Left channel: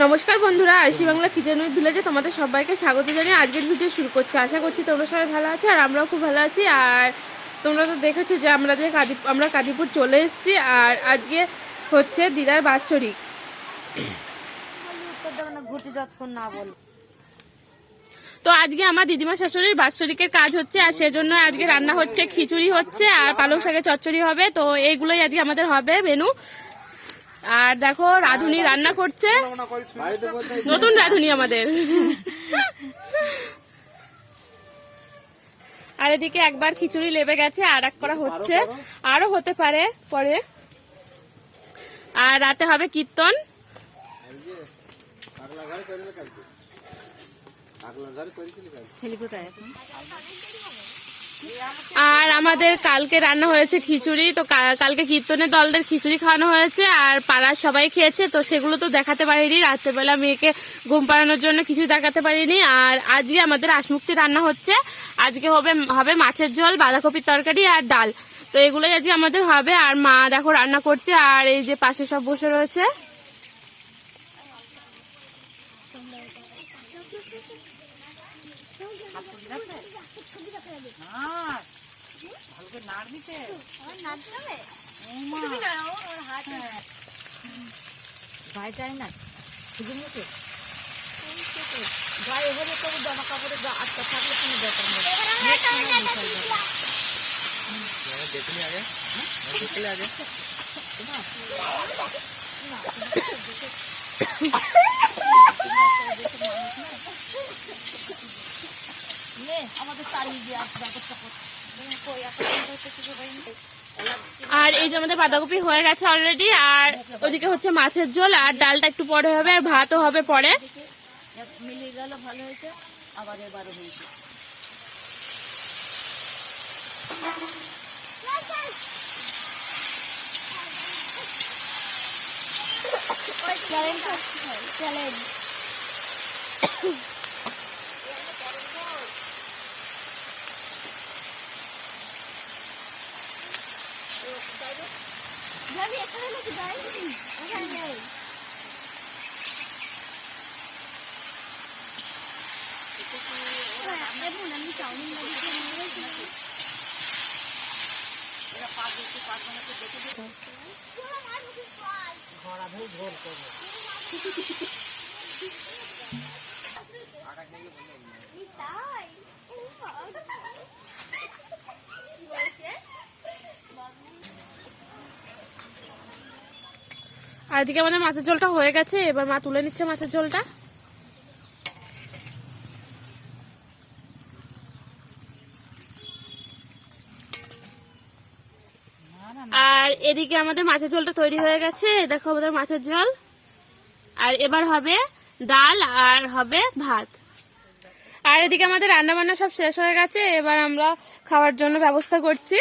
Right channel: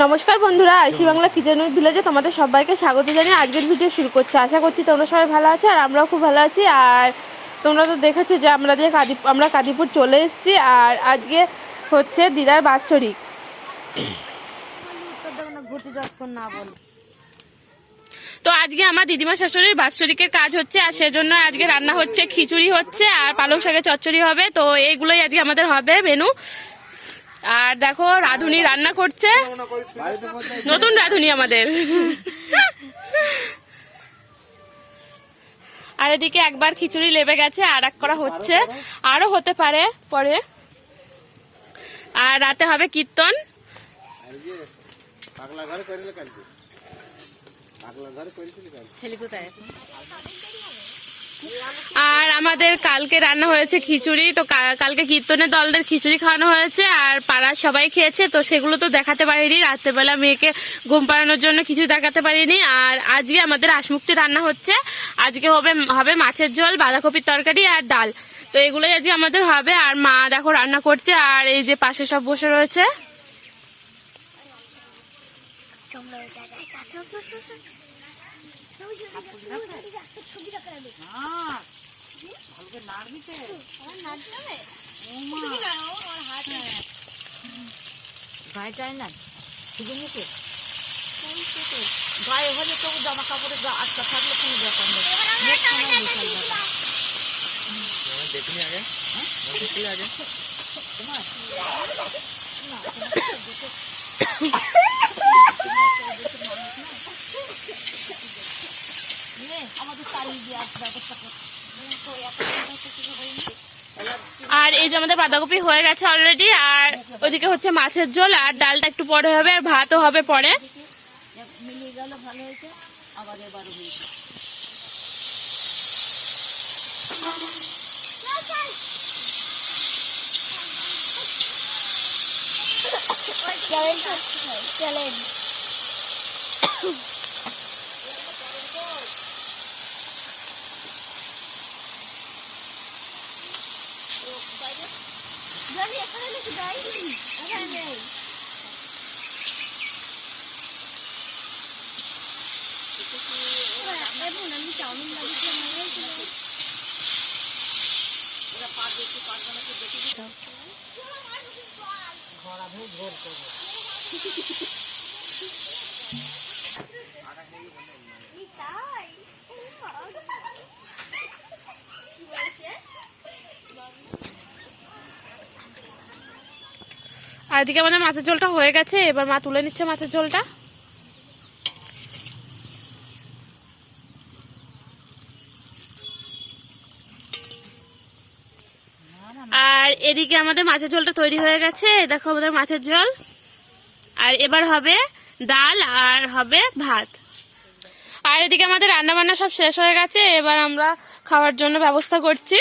নমস্কার বন্ধুরা, আইসি Bangla kitchen with ভিলেজে তোমাদের সবাইকে স্বাগত জানিয়ে আজকের ভিডিও শুরু করছি। আশা করছি তোমরা সবাই ভালো আছো আর আমরাও খুব ভালো আছি। আর তোমরা তো দেখেছো যে আমরা কাদিপুর চলে এসেছি। আর আজকে হচ্ছে দিদার বাৎসরিক। তো আজকে আমার দিদিমা শাশুড়ির বাৎসরিকের কাজ হচ্ছে, আর সেজন্য আজকে রান্না হচ্ছে, খিচুড়ি হচ্ছে আর পালং শাকের চচ্চড়ি হবে। তো এইগুলোই আজকে আমাদের হবে মেনু। আর দেখো রাঁধুনি রান্না করছে, নতুন রাঁধুনি আমাদের। আর এদিকে একবার খিচুড়ি লেবে গেছে, আর এক করা হচ্ছে, আরো হতে পারে পরে। আর রাতে হবে কীর্তন। আর আমাদের কালকে রান্না হয়েছে খিচুড়ি। তো কালকে কীর্তনের দলদের খিচুড়ি খাওয়ানো হয়েছে আর পাড়ার সবাই খেয়েছে। তো সেগুলো তো দেখাতে পারিনি, রাত্রেবেলা মেয়েকে ঘুম পাড়ানোর জন্য কিছু দেখাতে পারিনি। আর আজকে আমাদের আশমুক্তি রান্না হচ্ছে। আজকে হবে মাছের ঝোল, বাঁধাকপির তরকারি আর ডাল। তো এগুলোই আজকে আমাদের হবে। আর মা দেখো রান্না করছে, আর এই যে পাশে সব বসে রয়েছে। আর এই যে আমাদের বাঁধাকপি হয়ে গেছে অলরেডি। আর ওদিকে হচ্ছে মাছের ঝোল, আর ডালটা একটু পরে হবে, আর ভাতও হবে পরে। আর এদিকে আমাদের মাছের ঝোলটা হয়ে গেছে, এবার মা তুলে নিচ্ছে মাছের ঝোলটা। আর এদিকে আমাদের মাছের ঝোলটা তৈরি হয়ে গেছে, দেখো আমাদের মাছের ঝোল। আর এবার হবে ডাল আর হবে ভাত। আর এদিকে আমাদের রান্না বান্না সব শেষ হয়ে গেছে, এবার আমরা খাওয়ার জন্য ব্যবস্থা করছি।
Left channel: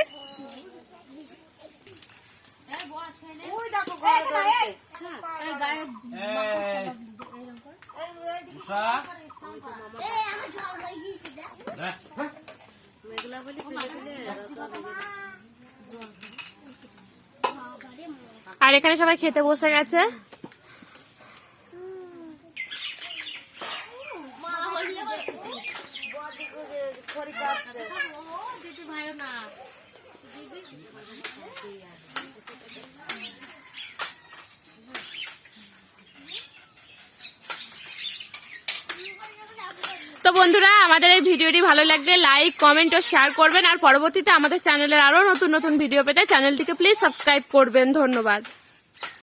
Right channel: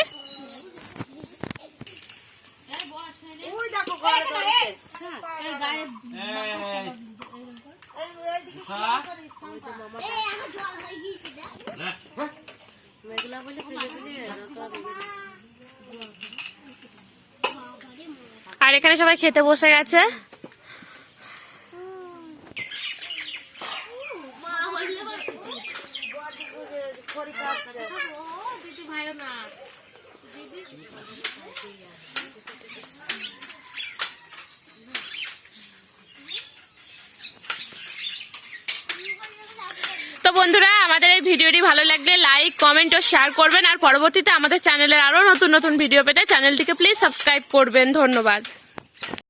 আর এখানে সবাই খেতে বসে গেছে। তো বন্ধুরা, আমাদের এই ভিডিওটি ভালো লাগলে লাইক, কমেন্ট ও শেয়ার করবেন। আর পরবর্তীতে আমাদের চ্যানেলের আরো নতুন নতুন ভিডিও পেতে চ্যানেলটিকে প্লিজ সাবস্ক্রাইব করবেন। ধন্যবাদ।